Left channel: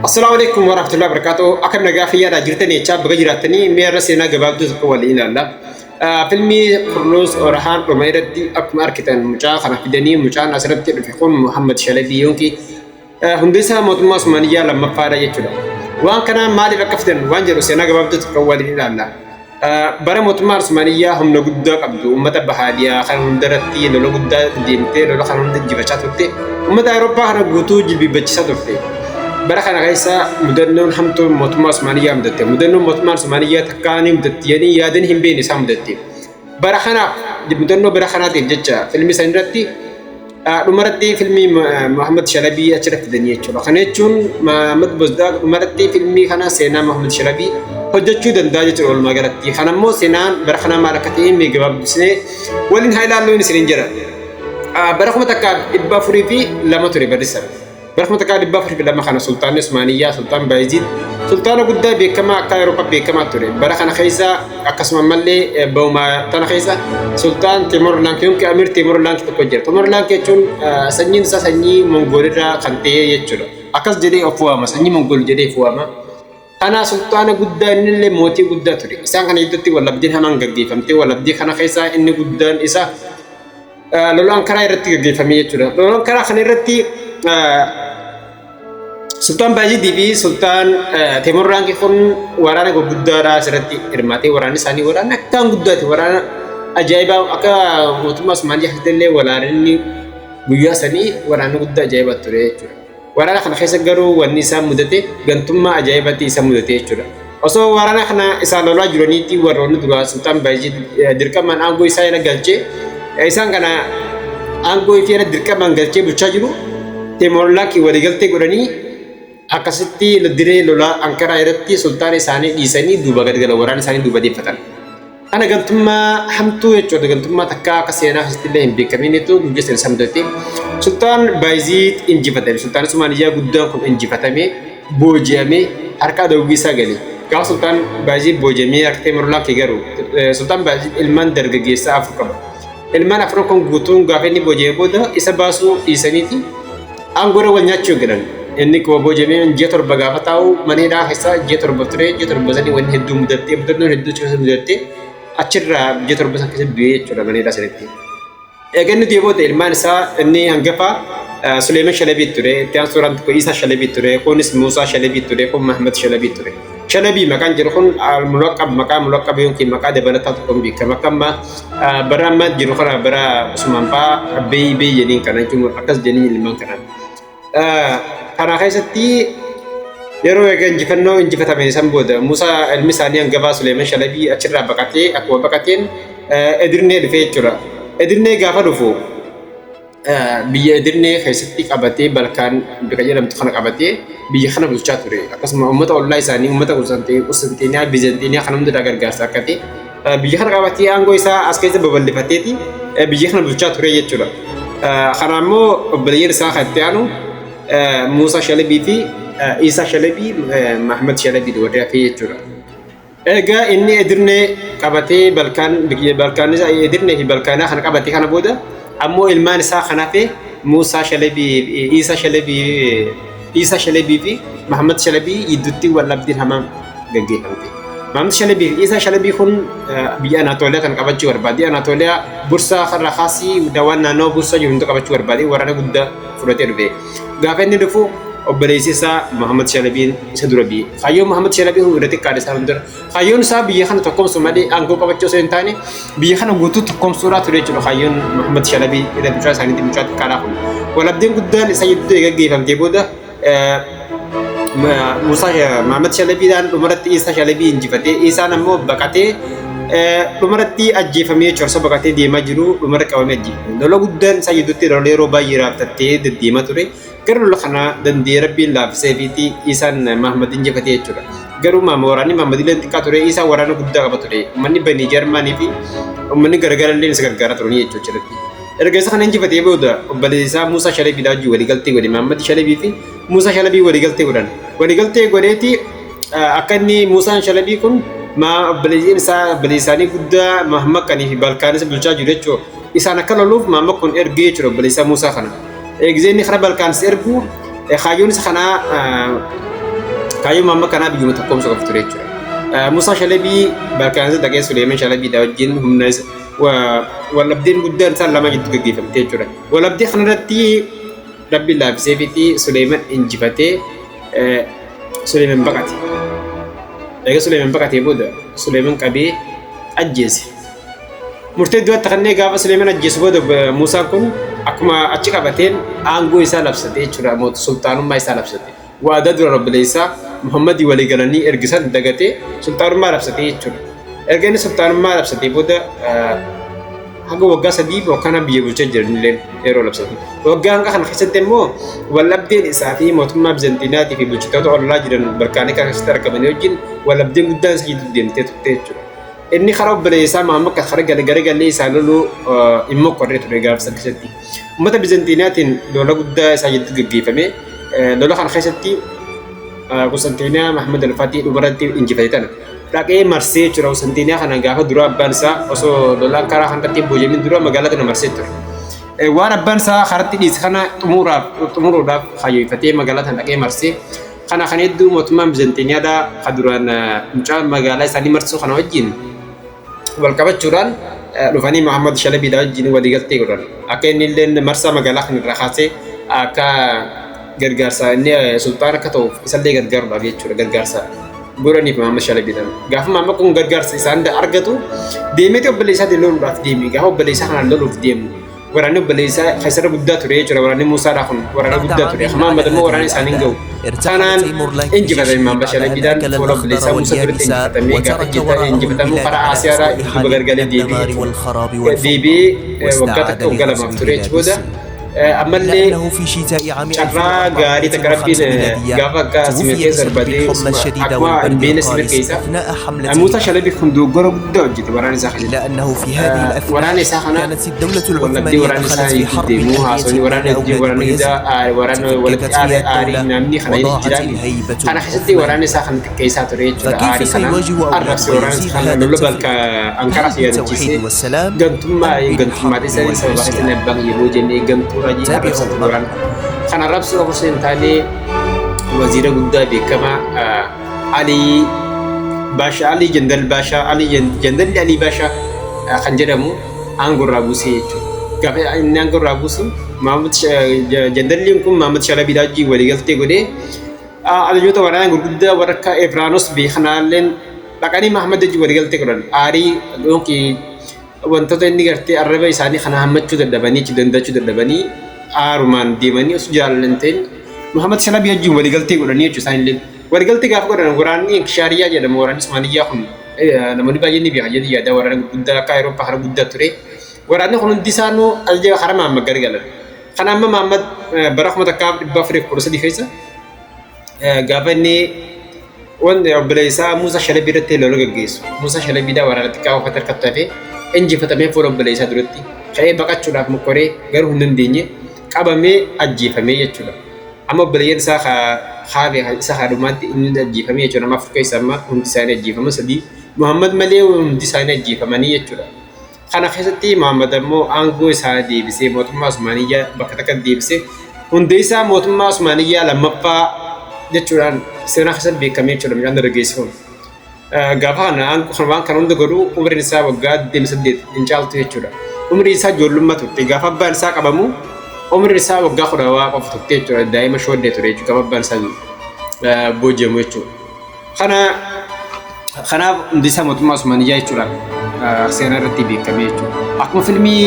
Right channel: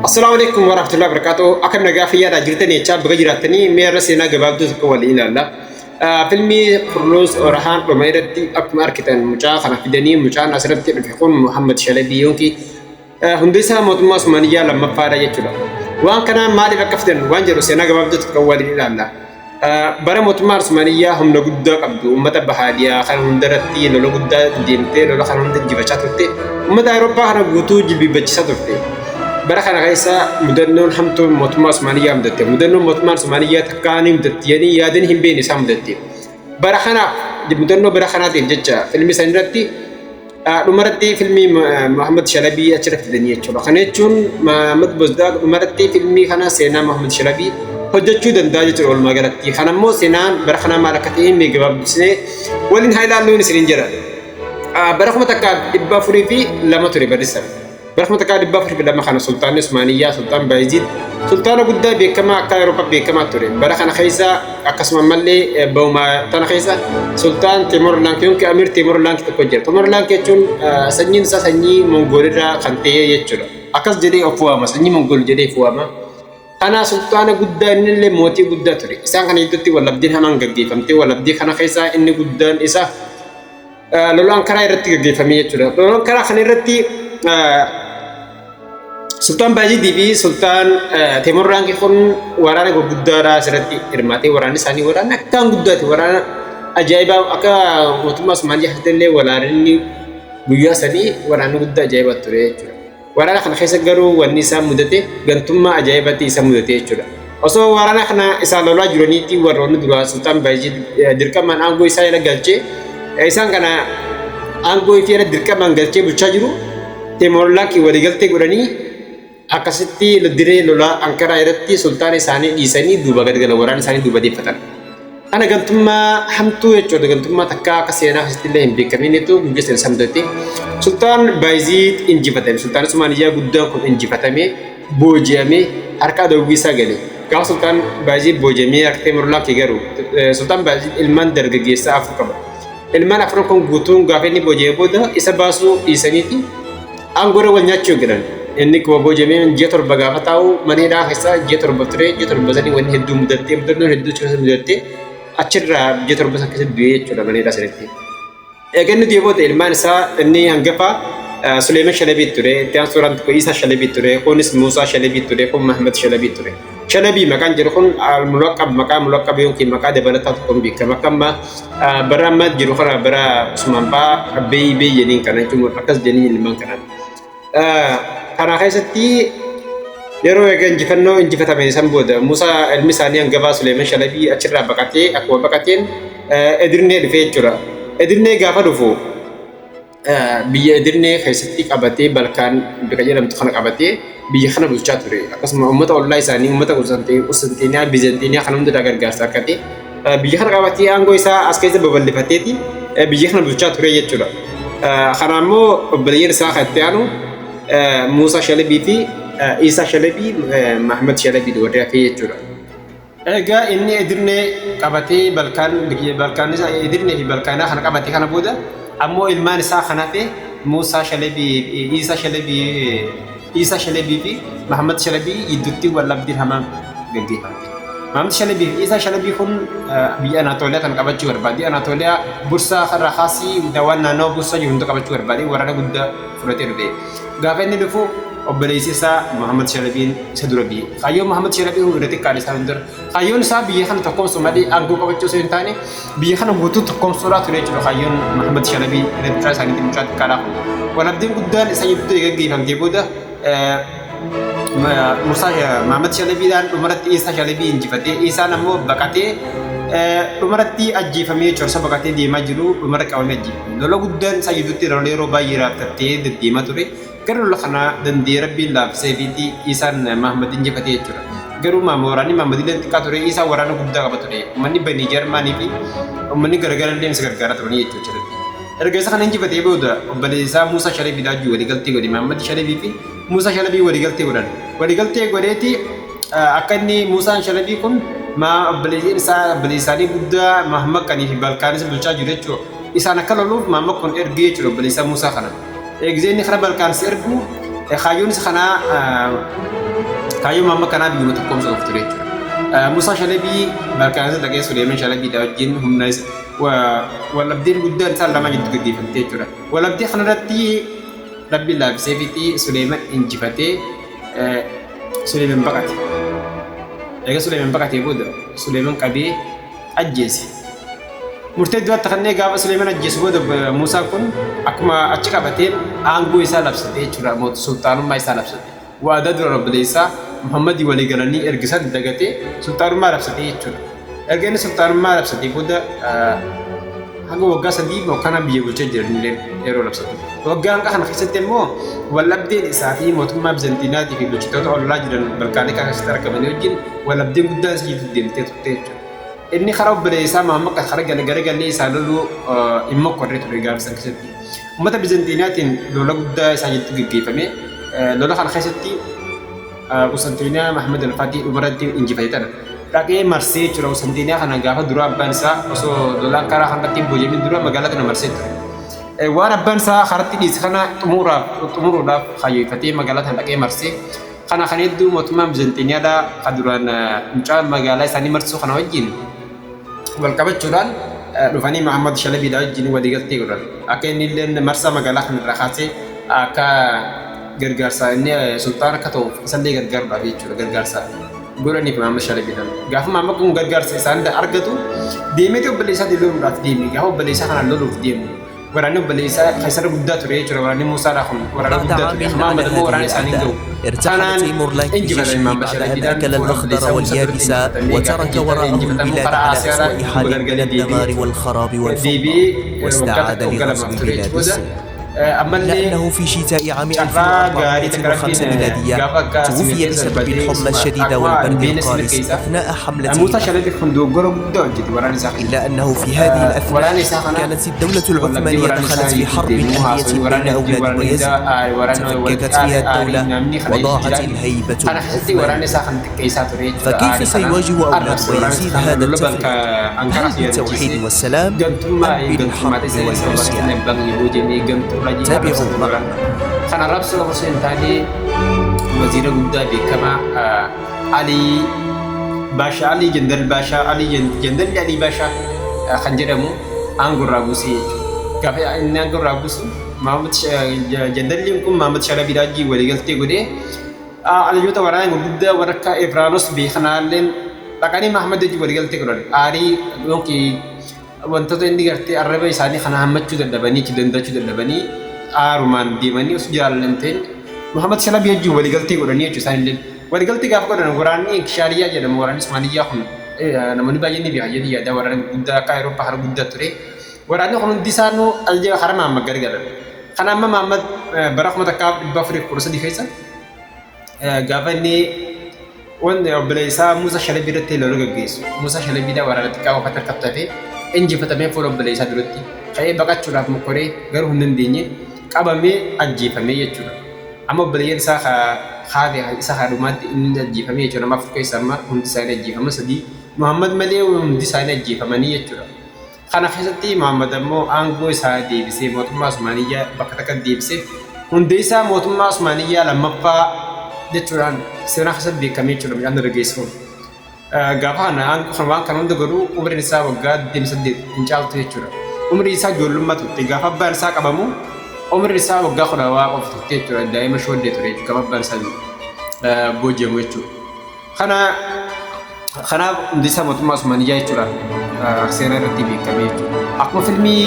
Assalamualaikum warahmatullahi wabarakatuh. Akan nagafiyya da jirtani cha baga jiratani mera sena gababdu ko wal ilalla. Filmi Kurlus Orhan Romairati akma arkitan mucha khana fidani mucha nasrati fiqun Muhammad Shalabi yonki hundisa mutma Osmaniya lamma fara yechuda. Wan kana mali bakafdan wan jaru sena gababdu ko wal ilalla. Bara mutma Osmaniya hum nagudda qabdu ummata bahadiya khan hundarati lolo gudda dimte lolo khan hundin jibachatutte ummata Europa khana gutu jilbi bachisatutte. برخنا غيسا مدنون حمتو مطماس مانيا مدتي مدنون مطماس مانيا تكاني مدتي يعني يادن هم بيني سام مدتي برخنا مدنون برخنا تيجتشا فيلم سندرتي نمرتي فيلمي محمد شلبي أشرف الدنيا تشولا خنيتشون محمد بزداق نمرتي فيلمي خنا سينا محمد شلبي هجتشو دنداجة تقول ما قالتي خنا مو سينان برخنا مالكتين ميجاب سنة ولين هاي لالو نسرينجرا برخنا تكاد إبا فريفي لما تري بدرسم برخنا تكاد بفر في لما خنا سلطان عثمانية سلطان بايزيد سلطان قد بكما كايروبا بكما توري برخنا خيسا أقسم ملي بوما تنا خيسا سلطان تيمور لانك يمكن أمير تيمور لانك تكوجر تيمور لانك يجون سنين سنين منغوليرا خنتيه يجون أكاس جدي أفواما سنين منغول جدي أفواما أنا سلطان قد إن اللي موتي قد توري إسان كان يدتي ولا بدين همان قدي فهمتي ولا بدي خنا خيسا إني قد إسا لولا أنكرا يرتي قدي فمي يجون لولا أنكرا خنا يرتي Sultan Baji Dibi Sultan Timur Rangi kun warana go guddara serati irmati warani sani warana kan guddati warana ajaiba aka mutmas manja hatelle walarini guyya sani warana gudda ajaiba ture chura warana khana khaysa garu wani sa mudate gantumma ajaibati sa mudate chura oso warana khana isa lola juroniti warona dura Sultan Baji dirkaman ango isa ila galche isan kana ango ifira dirkaman galche bucha jiru Timur Laki waligalte gurani akkasitti diree lola ankara irratti sultaan isaanii dhiisanii duuba gad gala waraan isaanii duuba deeffatan. Ana gantummaa hamtuu jechuudha gantummaa takka akka seenaa asitti illee hin beekaminetu guggeessan isa mudate. Sultaan Baayiziid injifatame sultaan Usmaaniyyaa guddaan kun injifatame booji'amee harka dawwisaa gale. Gaafa sultaan Baayiziid booji'amee harka Timur-Lenk garuu sultaan Baayiziid ilmaan dargaggeessaa afur qaba. Ilmaan afran kun guutuun gaafa inni booji'ee booda isa baasuu dhiisaniiti aangoora wal nyaachuu galan. Inni ko bojameen ji'a torba gaafa taa'u mana hidhaa keessaa ji'a torba ture ji'a torba sanii wanni hedduu mudattee mudannoon hedduu keessa mudattee achirraa ji'a torba san keessa du'ee jechuudha mana hidhaa sanatti. Egaa inni du'ee booda ilmaan isaa inni hangafa Suleeman Shalabii ture itti aansuudhaan tokko Isaa Shalabii ture kunis Muusaa Shalabii ture kun Mahmad Shalabii ture. Shalabii maqaan jedhu kun maqaa mulaqqab yookiin maqaa dabalataa tokkoon beekama akka amma bara amma jiru kana bara Usmaan fa'aa Abbee jedhaniin kana jechuun akkas jedhanii ilmaan kanaan. Kana keessatti yeroo egaa injifannoo injifatame san booda Muusaa ilmi isaanii hangafaa Suleeman Shalabii achirraa baqatee akkuma baqateen Edirnee dhufee jechuudha. Edirnee gaafa dhufu biyya Edirnee keessatti qabatee Balkaan bika jedhamtu kana qabatee biyya kana bulchaa ture. Akkasuma uummata ollaa isaanii uummata Qustantiniyaa Bizantiniyaa kana hundaa gargaarsa akka ta'e biyya kana qabatee aangoo isaa as keessa babal'ifateeti biyya kana bulchaa ture jechuudha. Kana immoo obboleeyyan isaa kan itti aanu Muusaa Shalabii fi Isaa Shalabii Mahmad Shalabii warra hafee jechuudha. Egaa inni Edirnee qabatee Balkaan isaa Edirnee fi Balkaanaa kana qabatee kana booda ammoo ilmaan isaa kan hafe Muusaa Shalabii Isaa Shalabii fi Mahmad Shalabii gidduutti wal-dhabdeen hamaan gaggeeffamte. Mahmad Shalabii fi Isaa Shalabii kun biyya Anaatooliyaa kan qabachuu barbaade. Anaatooliyaa bursaa karra kaasii dawaan naannoo bursaa jiru hunda qabachuu barbaade waraana guddaa fudhatee dhufe. Gaafa inni dhufu obboleessi isaa Muhammad Shalabiin isa dura biyye. Kaayyoon Muhammad Shalabii hunda xiqqaadha isaa hundura. Kaayyoon isaa biyya kana tokkoomsu malee aangoo qabachuu osoo hin taane biyya kana guutuu tokkoomsuudhaa ture jechuudha. Kaayyoon Muhammad Shalabii mucaa isaaniitti mucaa xiqqaadhaa kun. Wal-dhabdeen guddaan isa gidduu gaggeeffamtee booda Muhammad Shalabiidhaan dhumarratti Isaa Shalabii injifatee Isaan ammoo baqatee dhumarratti ajjeefamee corsa baqatee deemaa jiru dhumarra qabamee ajjeefame. Lola guddaan isaa gidduutti lola yeroo baay'ee raabtattee deddeemaa ture. Garuu lola kana dandee rabbiin laafisee fi Isaan Mahmad injifatee jechuudha. Garuu waraanni Mahmad illee xiqqaa ture Isaa waraana guddaa qaba ture. Uummanni Banii Jarmaanii fi uummanni garagaraa illee isa gargaaraa turanii jechuudha. Erga isa kana injifatee booda obboleessi isaa Muusaa Shalabii daajuu waliigaltee godhe Mahmad Shalabii fi Muusaa Shalabii waliigaltee godhan. Waliigaltee godheeti akka inni Muusaan Shalabii kun obboleessi isaanii guddaa Mahmad kanii fi Balkaanis bulchaa jiru jechuudha. Isaan akka loluuf Mahmad kun ergee jechuudha obboleessi Muusaa kana. Eegzeenni kana Balkaanis ergu kaayyoon isa kanaa kayu mama kana bi muta kom so ture chura musa shalabi barkan da ke sulaiman shalabi da wajin humnas wala bdin guddan sallama jiddu gigi famte chura wala bdi khanarati rabbi la bisefiti sulaiman injifate sulaiman bakati ega sulaiman bakati boda sulaiman qabi ajjesi murtad wa takhne gaba sulaiman ajjesi boda musa kun akuma achi qabaten ango isa labsate chura mot sultanu ma isa labsate wa adad rabb laysa muhammadi wali galani ergisan dagate sultanu ma labsate chura ergani sultanu ma labsate boda haga wagga sadi bo kana biye bulche jirnilen ero labsate wagga hanga kan khisatemo walabdin isafi motumma bizantinati fi bulchitato alla jiran barkani kan star kamane wajin walabdin guddan sajidu dinte tutte inni kharab laysa muhammad ka kharaga gariga li salulu immo korretu regar saksati mata bizantinatin dola gudda sajidu gigifame dola kan khisati Konstantina Muhammad al-Fatih ubarati injifaitan laki marse chura Konstantina kana gafa dura bansa oso dola kara kan tati bojemi dura magala kana marse tur wana bansa kharati dis kana tumuru da khayi fatih magala tan laki marse kana khanidu mutmam bizantinia da kaduran mucha magala sani marsu kana wajin wal kabat churan lufani Muhammad Shalabi da wajin wadigati uran aken nilen marsa magala kan rakhase aka gargarsa ni sultan kato isalle gargar da fichura gargarsa gurani Muhammad Shalabi dan gaf Muhammad kun gargarsa isanda argatu demete oblisa de lolu daf demi gaf oblisa kana lolu demi warani oblisa khaisar budda ture chura warani musa da khum warani budda ture Muhammad mo warani saningo ارتحل تيمور لانك بعد أن أكل الأخضر واليابس وترك وراءه البلاد على أسوأ حال من الدمار والخراب والفوضى واستعاد لغزو بلاد الصين لأنه في شتاء عام 1405 ميلادية توفي بسبب الحمى الشديدة والبرد القارس أثناء حملته إلا أنه في هذه الأثناء كانت الدولة العثمانية دخلت في حرب أهلية بين أولاد بايزيد تفككت فيها الدولة وضاعت الهيبة والعظمة فكيف سيواجه أولاد بايزيد هذا التفريق؟ هل بالتوحيد والسلام أم بالحرب والعصيان؟ تابعوا معنا. خنا ربسو حسين تالي وزير قدام كما علي باشا علي جندل باشا علي جندل علي باشا خنجرمو أنغور رابوسي كافي أنغور رابوسو محمد جندل يمكن محمد شلبي داجي ولي قلتي قدي على جوتا ورانا قدام وركا إفرانوس بخنالين لكني محمد داجي ولي قلتي قدن آري لونكي wantoota inni gartee arraba isaanii kana hammachuu dadhabanii chidandachuu dadhabanii aarumaan deemanii osoo jaalallanteen Muhammad Shalabi wajjin waliigaltee godhanii jechuu isaanillee waliigaltee gaafa godhan waraanni Shaariyaa jedhamu waraanni Usmaaniyyaa kun namoonni baay'een ni beekan jedhanii yaada waraana guddaa akka Awurooppaa hara guddaa ture waraanni kun hundi isaanuu ajaja hara Muhammad gargaaran kana amma Muhammad bara 1413 keessa gaafa inni wanda obboleessaa Muusaa Shalabii irratti lola gaggeessu Muusaa Shalabii da waraana xiqqaa uffata harkatti injifatamee fuula obboleessaa duratti ka'ee baqachuudhaaf mokkoree garuu hin dandeenye qabamee ajjeefamee jechuudha. Amma obboleeyyan isaa haadhe isa haadhumaatti inni ajjeefamee jechuudha. Nama afur keessa amma hundi isaanii ajjeefaman sadii Muhammad malee hundi isaanii ajjeefamanii jechuudha. Kana keessatti Muhammad ammoo aangoo isaa deebisee mootummaa Usmaaniyyaa bakka takka deebisee hundi isaa mootummaa Usmaaniyyaa lammaffaa jechuudhaan seenaa keessatti beekamee jechuudha. Midhaan dargaggeessuun. Gaafa kana waan kan hunda godhu umriin isaa waggaa 28 hin caaltu jechuudha. Umriin isaa ijoollummaa turte gaafa abbaan isaa qabamu umriin isaa waggaa 10 qofa turte jechuudha. Daa'ima shooddee ture jechuudha gaafa abbaan isaa booji'amu jechuudha. Kanaaf hundi isaa mootummaa Usmaaniyyaa jechuudha. Seenaa irratti beekamee jechuudha. Akkuma fiilmii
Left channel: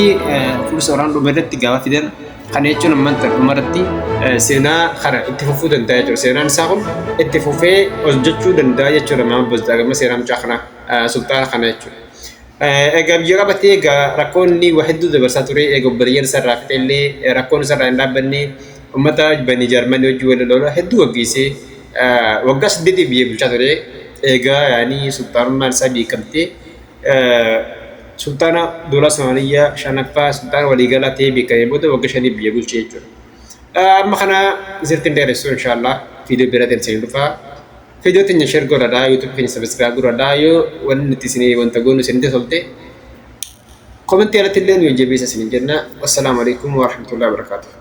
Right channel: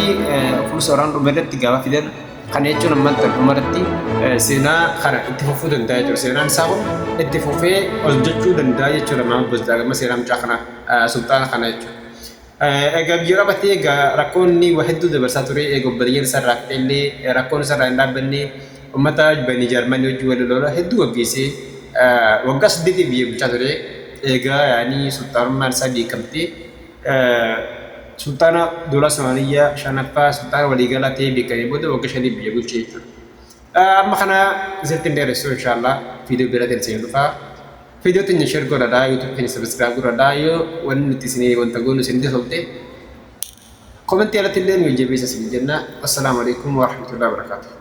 Fursa Waraana Dhumaa irratti gaafa fidan kana jechuun ammanta dhumarratti seenaa kana itti fufuu danda'a jechuudha. Seenaan isaa kun itti fufee hojjechuu danda'a jechuudha. Maamud Bazdaagamma seenaa mucaa kana sultaana kana jechuudha. Egaa biyya qabatee egaa rakkoonni waa hedduu dabarsaa ture. Egaa obboleeyyan isaa irraa fixeellee rakkoon isaa irraa hin dhaabbanne uummata bani Jaarmanii wajjin wal lola hedduu gaggeessee waggaa 8 biyya bulchaa ture. Egaa yaani sultaanummaan isaa beekamtee sultaana dola Somaaliyaa shanaffaa sultaana waliigalaa ta'ee beekamee booda waggaa 5 biyya bulchee jechuudha. Amma kana isinitti hin dheeressu inshallah viidiyoo biraatiin isin dhufaa. Viidiyoo teenya share godhadhaa YouTube keenya subscribe godhadhaa yoo wanni nuti isinii wanta goonu isinitti tolte komentii alatti illee nu jabeessa isin jenna. Wassalaamu alaikum wa rahmatullahi wa barakatuh.